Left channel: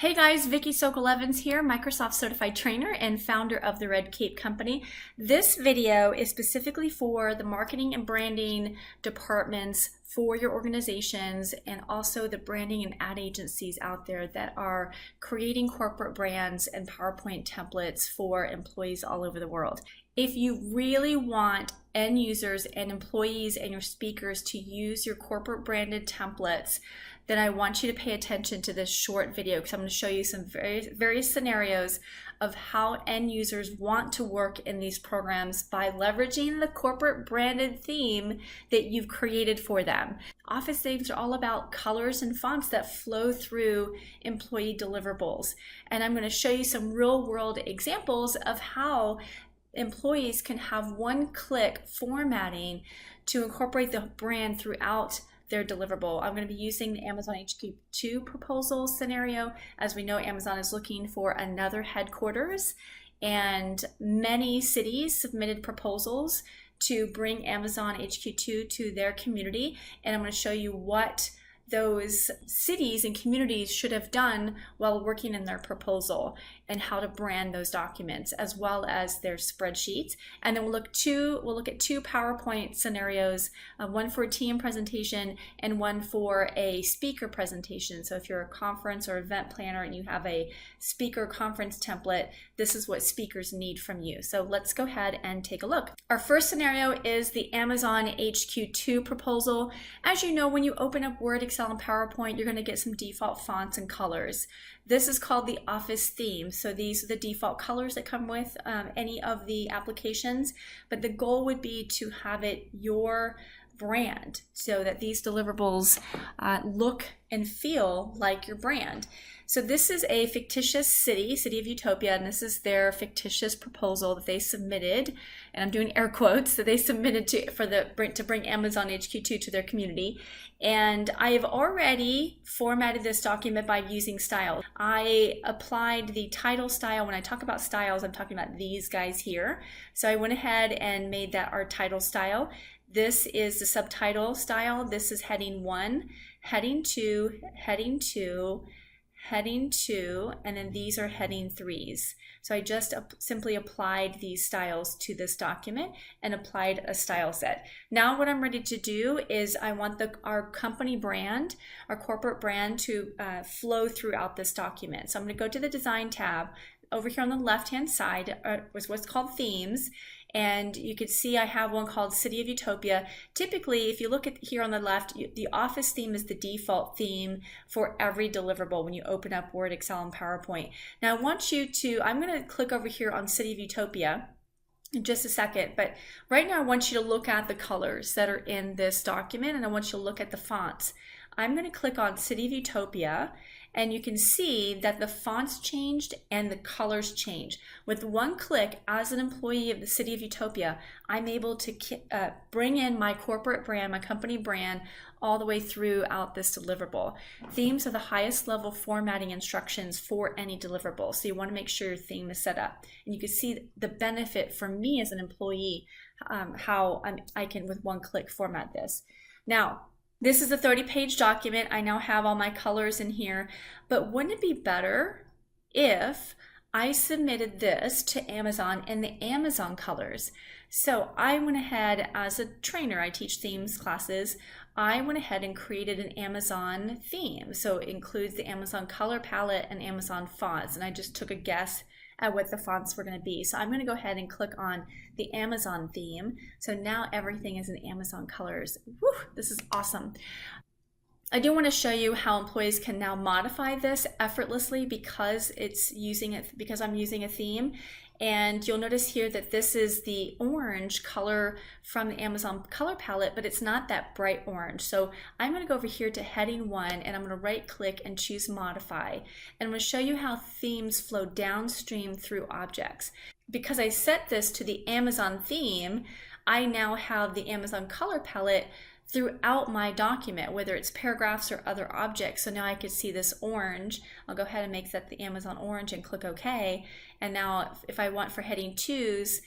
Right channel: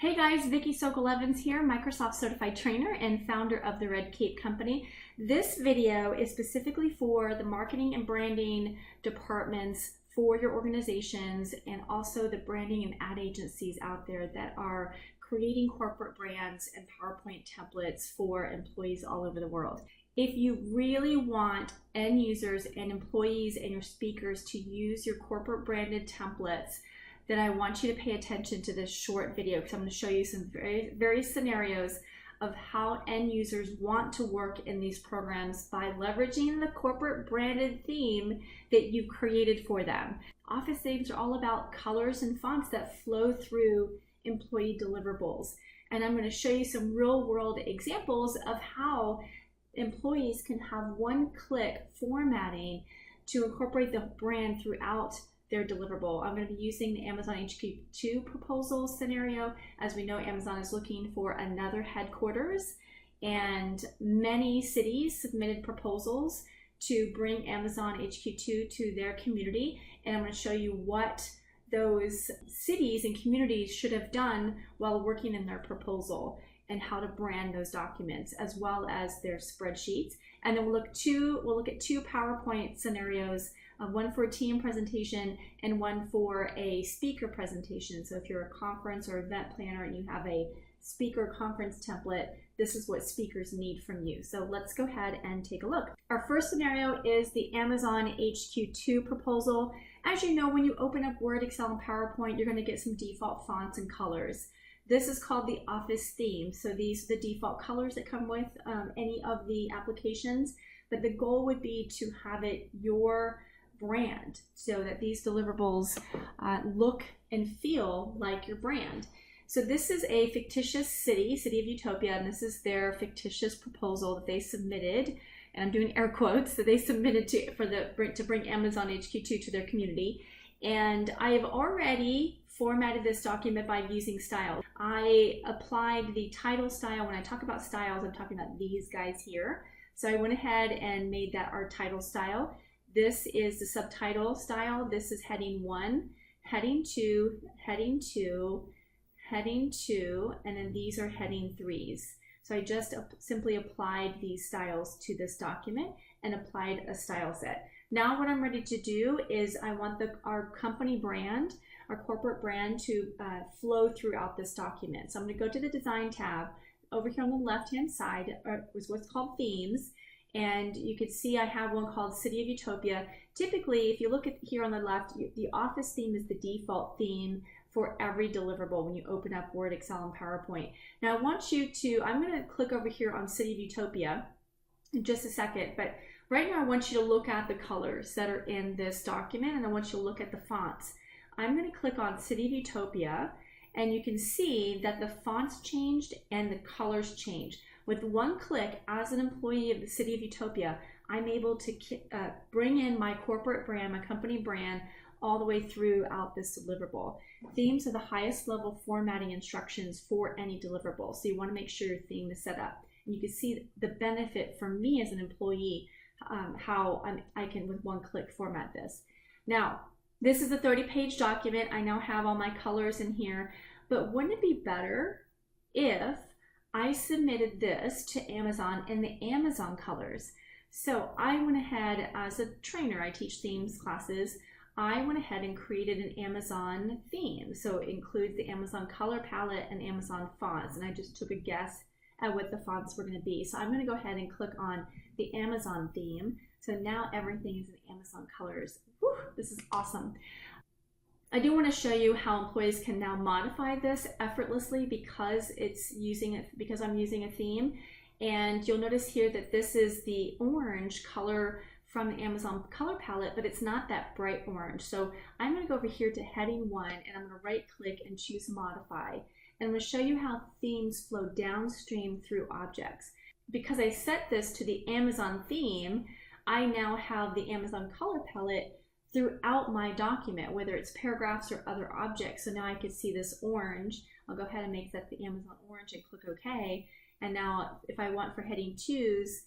Hey guys, Vicki Sokol-Evans here, Microsoft Certified Trainer and founder of the Red Cape Company. This video is specifically for the marketing and branding departments for your organizations and also the branding and ad agencies out there that are creating corporate brands and PowerPoint templates for employees all over the world. If you really want end users and employees and your speakers to use your corporate branded templates, then I want you to pay attention to this short video because I'm going to show you some various scenarios of how end users want to work in these programs by leveraging the corporate branded theme that you've created for them. Office themes are all about colors and fonts that flow through employee deliverables. And I'm going to show you some real world examples of how employees can have one-click formatting to incorporate the brand throughout their deliverable. I'm going to be using the Amazon HQ2 proposal scenario. As we know, Amazon is looking for another headquarters, and many cities submitted proposals to bring Amazon HQ2 to their community. And I'm going to show you what those cities and communities should have done while working in their proposal and how to brand those documents as well as their spreadsheets. And then we'll look at two PowerPoint scenarios, one for a team presentation and one for a speaker presentation. So if you're a conference or event planner and you have a speaker conference template, this is what speakers need from you. So let's go ahead and take a look. Our first scenario is the Amazon HQ2 proposal. As you know, when you open up Word, Excel, and PowerPoint, you're going to get some default fonts and colors. This is called the Office theme. So these are the default colors that come with any of the applications, but the goal would be to have it your brand so that these deliverables look and feel like your brand. So this is a fictitious city of Utopia, and this is their fictitious proposal that they submitted, and I'm doing air quotes, that they submitted to bring Amazon HQ2 to their community. And I have already formatted this document by using styles. I applied the title style. When I talk about styles, I'm talking about these guys here. So I went ahead and made that our title style. This is the subtitle style. This is heading 1, heading 2, heading 2, heading 2, and then these are heading 3s. So I just simply applied these styles to this document and applied a style set. Now what I'm ready to do is I want our company brand, our corporate brand to flow throughout this document. So I'm going to go to the Design tab. Over here on the left-hand side was what's called Themes. And you can see I have one called City of Utopia. Typically, if you look at here on the left, the Office theme is the default theme for every deliverable when you open up Word, Excel, and PowerPoint. Now I want you to, I'm going to click over here on City of Utopia in just a second, but right now I want you to look at the colors that are in this document, and I want you to look at the fonts. I'm going to click on City of Utopia, and you can see that the fonts changed and the colors changed. With one click, as an employee of the City of Utopia, I'm able to bring in my corporate brand, my company brand, all the way throughout this deliverable. Themes are the highest level formatting instructions for any deliverable, so you want to make sure your theme is set up. And you can see the benefit for me as an employee, how I can, with one click, format this. Now, this is a 30-page document. I now have all my colors in here, but wouldn't it be better if I submitted this to Amazon in the Amazon colors? So I went ahead, as a trainer, I teach themes classes, I went ahead and created an Amazon theme. So it includes the Amazon color palette and Amazon fonts, and I just took a guess at what the fonts were going to be. So I'm going to go ahead and click on the Amazon theme. So now everything is in Amazon colors. Whew, this is awesome. I do want to show you how employees can now modify this effortlessly because I'm using a theme. And you'll notice here that this is the orange color from the Amazon color palette, but it's not that bright orange. So I'm going to go over here to heading 1, and I'm going to right click and choose modify. And I'm going to show you how themes flow downstream through objects. Because I set this to the Amazon theme, I now have the Amazon color palette throughout my document, whether it's paragraphs or other objects. So now I could see this orange. I'll go ahead and make that the Amazon orange and click OK. And now if I want for heading 2s,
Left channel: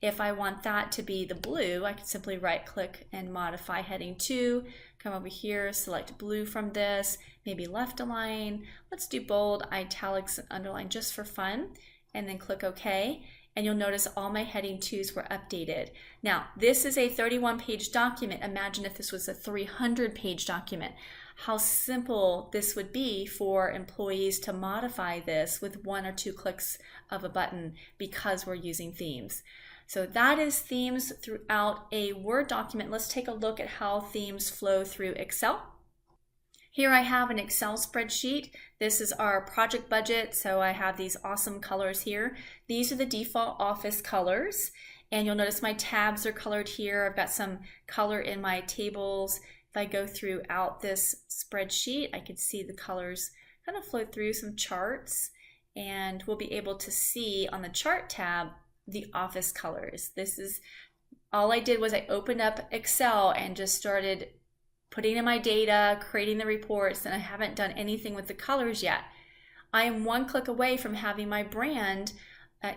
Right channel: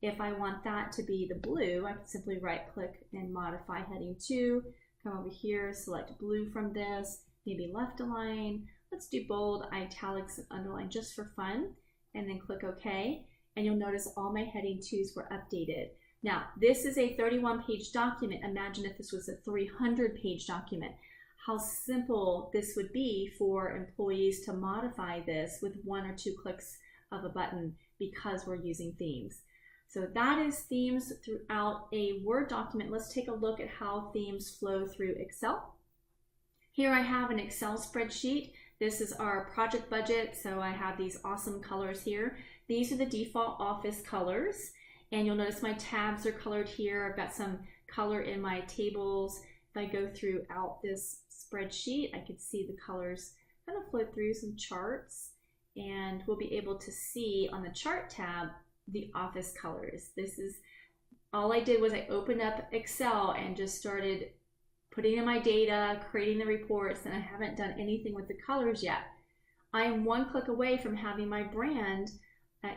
if I want that to be the blue, I can simply right click and modify heading 2 come over here, select blue from this, maybe left align. Let's do bold, italics, and underline just for fun, and then click OK. And you'll notice all my heading 2s were updated. Now, this is a 31-page document. Imagine if this was a 300-page document. How simple this would be for employees to modify this with 1 or 2 clicks of a button because we're using themes. So that is themes throughout a Word document. Let's take a look at how themes flow through Excel. Here I have an Excel spreadsheet. This is our project budget, so I have these awesome colors here. These are the default office colors, and you'll notice my tabs are colored here. I've got some color in my tables. If I go throughout this spreadsheet, I can see the colors kind of flow through some charts, and we'll be able to see on the chart tab the office colors. This is all I did was I opened up Excel and just started putting in my data, creating the reports, and I haven't done anything with the colors yet. I am 1 click away from having my brand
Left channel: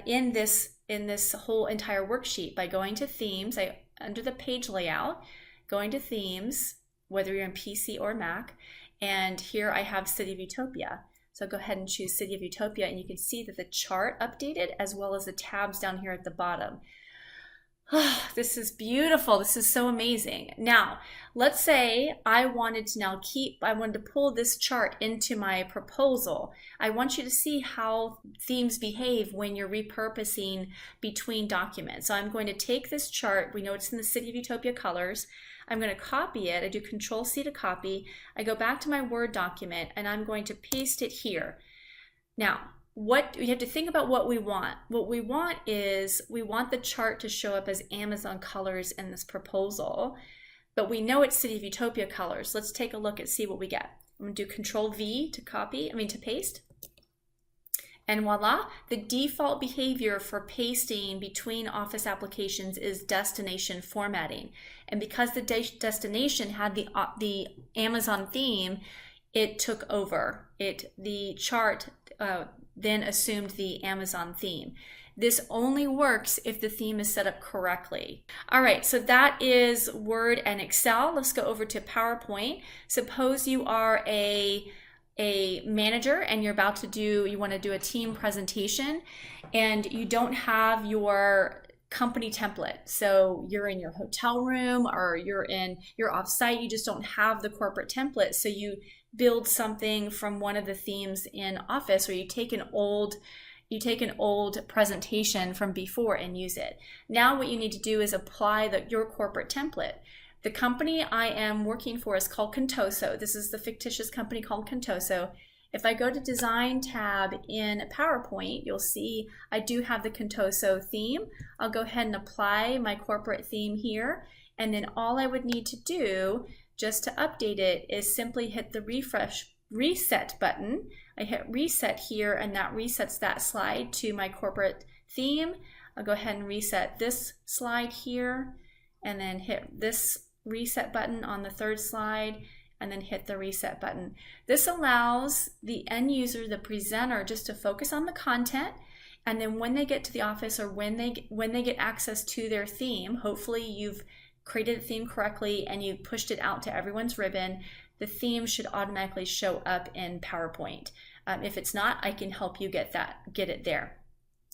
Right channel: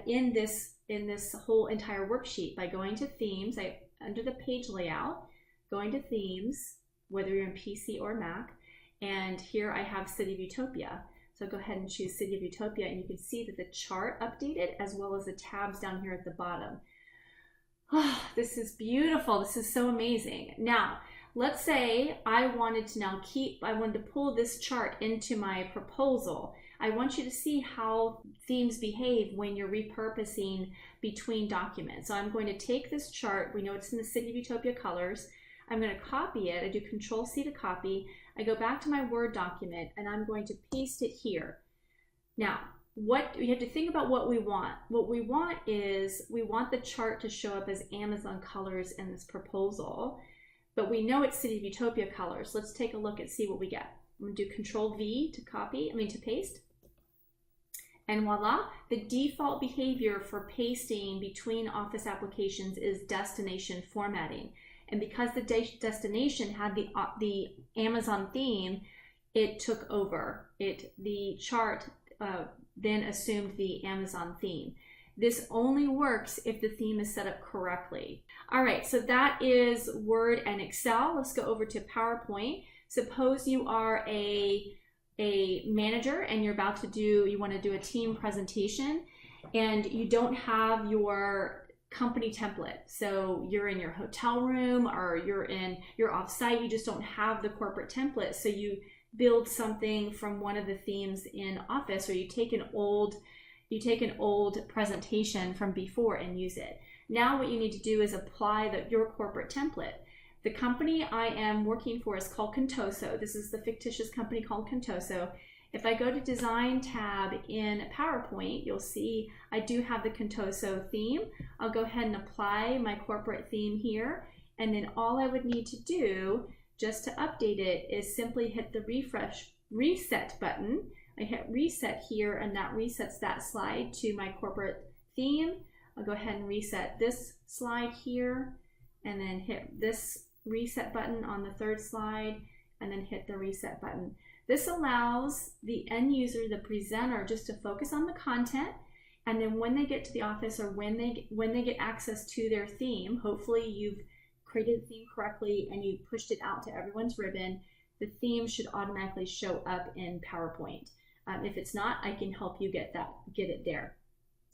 in this whole entire worksheet by going to themes, under the page layout, going to themes, whether you're in PC or Mac, and here I have City of Utopia. So go ahead and choose City of Utopia, and you can see that the chart updated as well as the tabs down here at the bottom. Oh, this is beautiful. This is so amazing. Now, let's say I wanted to pull this chart into my proposal. I want you to see how themes behave when you're repurposing between documents. So I'm going to take this chart. We know it's in the City of Utopia colors. I'm going to copy it. I do Control-C to copy. I go back to my Word document, and I'm going to paste it here. Now, you have to think about what we want. What we want is we want the chart to show up as Amazon colors in this proposal, but we know it's City of Utopia colors. Let's take a look and see what we get. I'm going to do Control-V to paste. And voila, the default behavior for pasting between Office applications is destination formatting. And because the destination had the Amazon theme, it took over. The chart then assumed the Amazon theme. This only works if the theme is set up correctly. All right, so that is Word and Excel. Let's go over to PowerPoint. Suppose you are a manager and you want to do a team presentation and you don't have your company template. So you're in your hotel room or you're off-site, you just don't have the corporate template. So you build something from one of the themes in Office, or you take an old presentation from before and use it. Now what you need to do is apply your corporate template. The company I am working for is called Contoso. This is the fictitious company called Contoso. If I go to Design tab in PowerPoint, you'll see I do have the Contoso theme. I'll go ahead and apply my corporate theme here, and then all I would need to do just to update it is simply hit the reset button. I hit reset here, and that resets that slide to my corporate theme. I'll go ahead and reset this slide here, and then hit this reset button on the 3rd slide, and then hit the reset button. This allows the end user, the presenter, just to focus on the content, and then when they get to the office or when they get access to their theme, hopefully you've created the theme correctly and you pushed it out to everyone's ribbon, the theme should automatically show up in PowerPoint. If it's not, I can help you get it there.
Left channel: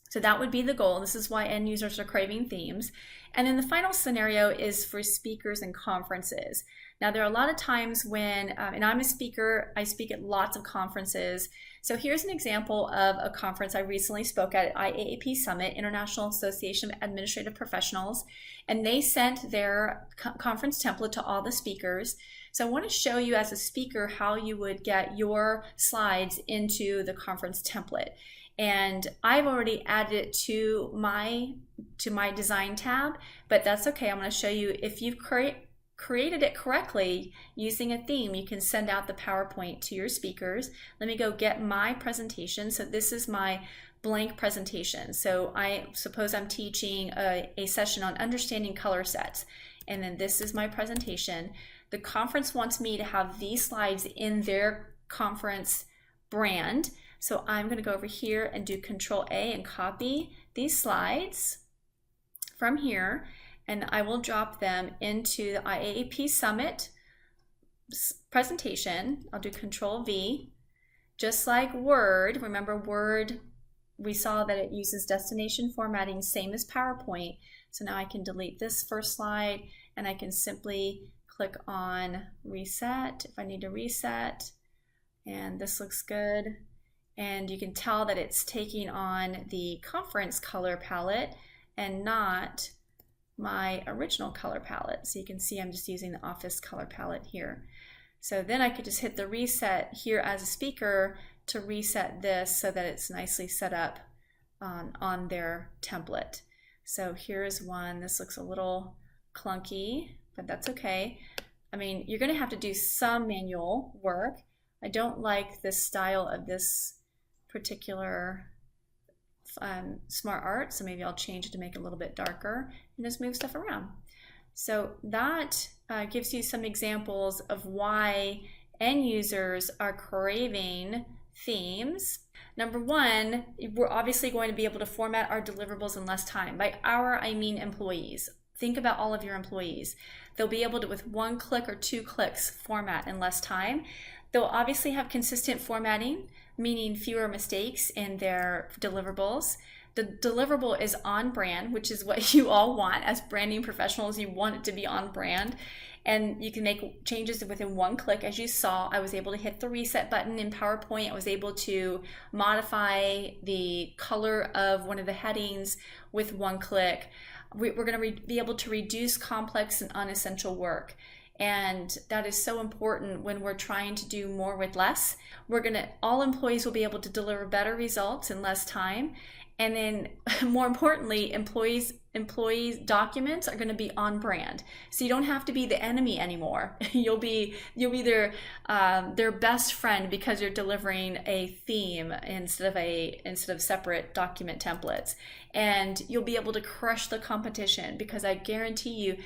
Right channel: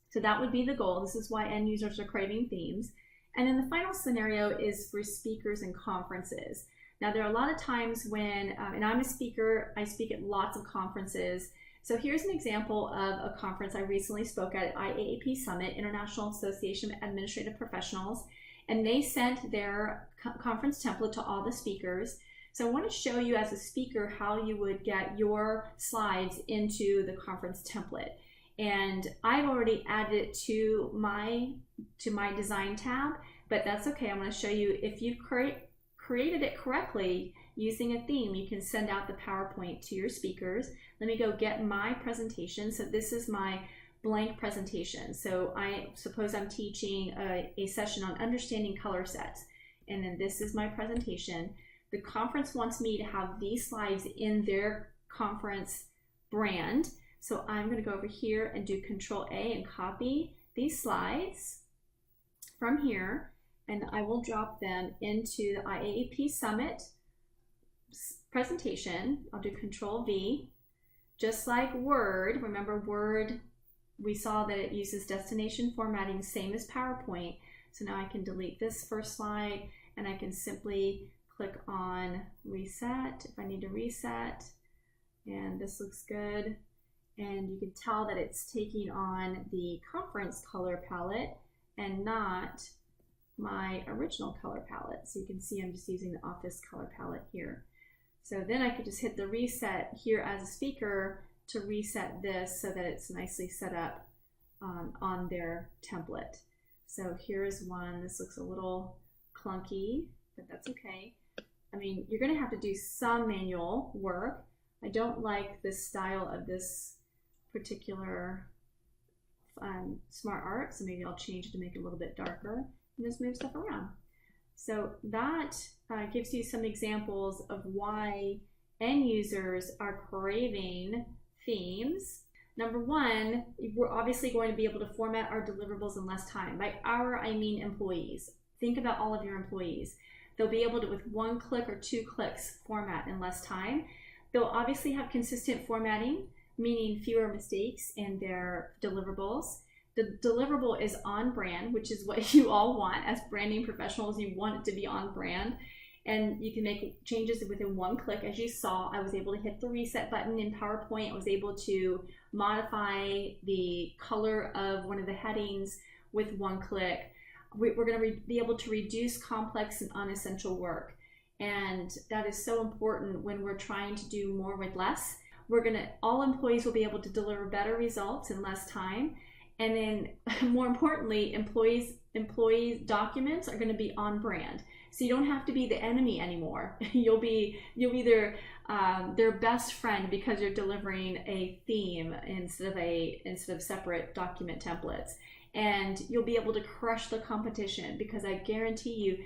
So that would be the goal. This is why end users are craving themes. And then the final scenario is for speakers and conferences. Now, there are a lot of times when, and I'm a speaker, I speak at lots of conferences. So here's an example of a conference I recently spoke at IAAP Summit, International Association of Administrative Professionals, and they sent their conference template to all the speakers. So I want to show you as a speaker how you would get your slides into the conference template. And I've already added it to my design tab, but that's okay. I'm going to show you if you've created it correctly using a theme, you can send out the PowerPoint to your speakers. Let me go get my presentation. So this is my blank presentation. So I suppose I'm teaching a session on understanding color sets. And then this is my presentation. The conference wants me to have these slides in their conference brand. So I'm going to go over here and do Control-A and copy these slides from here, and I will drop them into the IAAP Summit presentation. I'll do Control V. Just like Word, remember Word, we saw that it uses destination formatting, same as PowerPoint. So now I can delete this first slide and I can simply click on Reset if I need to reset. And this looks good. And you can tell that it's taking on the conference color palette and not my original color palette. So you can see I'm just using the office color palette here. So then I could just hit the reset here as a speaker to reset this so that it's nicely set up on their template. So here's one. This looks a little clunky, but that's okay. I mean, you're going to have to do some manual work. I don't like this style of this particular smart art, so maybe I'll change it to make it a little bit darker and just move stuff around. So that gives you some examples of why end users are craving themes. Number one, we're obviously going to be able to format our deliverables in less time. By our, I mean employees. Think about all of your employees. They'll be able to, with 1 click or 2 clicks, format in less time. They'll obviously have consistent formatting, meaning fewer mistakes in their deliverables. The deliverable is on brand, which is what you all want as branding professionals. You want it to be on brand. And you can make changes within 1 click. As you saw, I was able to hit the reset button in PowerPoint. I was able to modify the color of one of the headings with 1 click. We're going to be able to reduce complex and unessential work. And that is so important when we're trying to do more with less. All employees will be able to deliver better results in less time. And then more importantly, employees' documents are going to be on brand. So you don't have to be the enemy anymore. You'll be their best friend because you're delivering a theme instead of separate document templates. And you'll be able to crush the competition because I guarantee you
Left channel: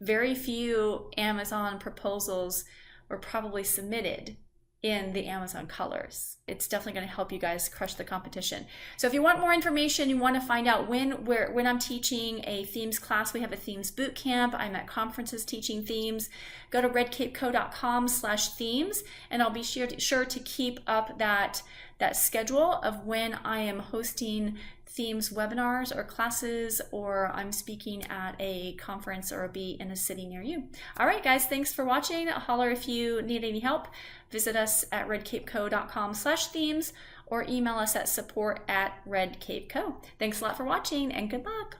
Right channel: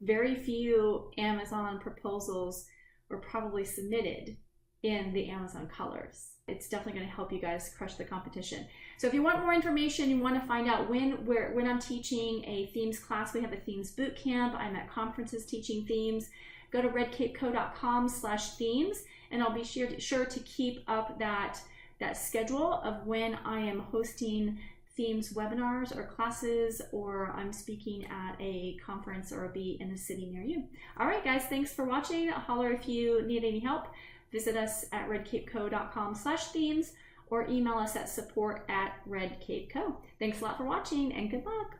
very few Amazon proposals were probably submitted in the Amazon colors. It's definitely going to help you guys crush the competition. So if you want more information, you want to find out when I'm teaching a themes class, we have a themes boot camp. I'm at conferences teaching themes. Go to redcapeco.com/themes and I'll be sure to keep up that schedule of when I am hosting themes webinars or classes, or I'm speaking at a conference or be in a city near you. All right, guys, thanks for watching. Holler if you need any help. Visit us at redcapeco.com/themes or email us at support@redcapeco. Thanks a lot for watching and good luck.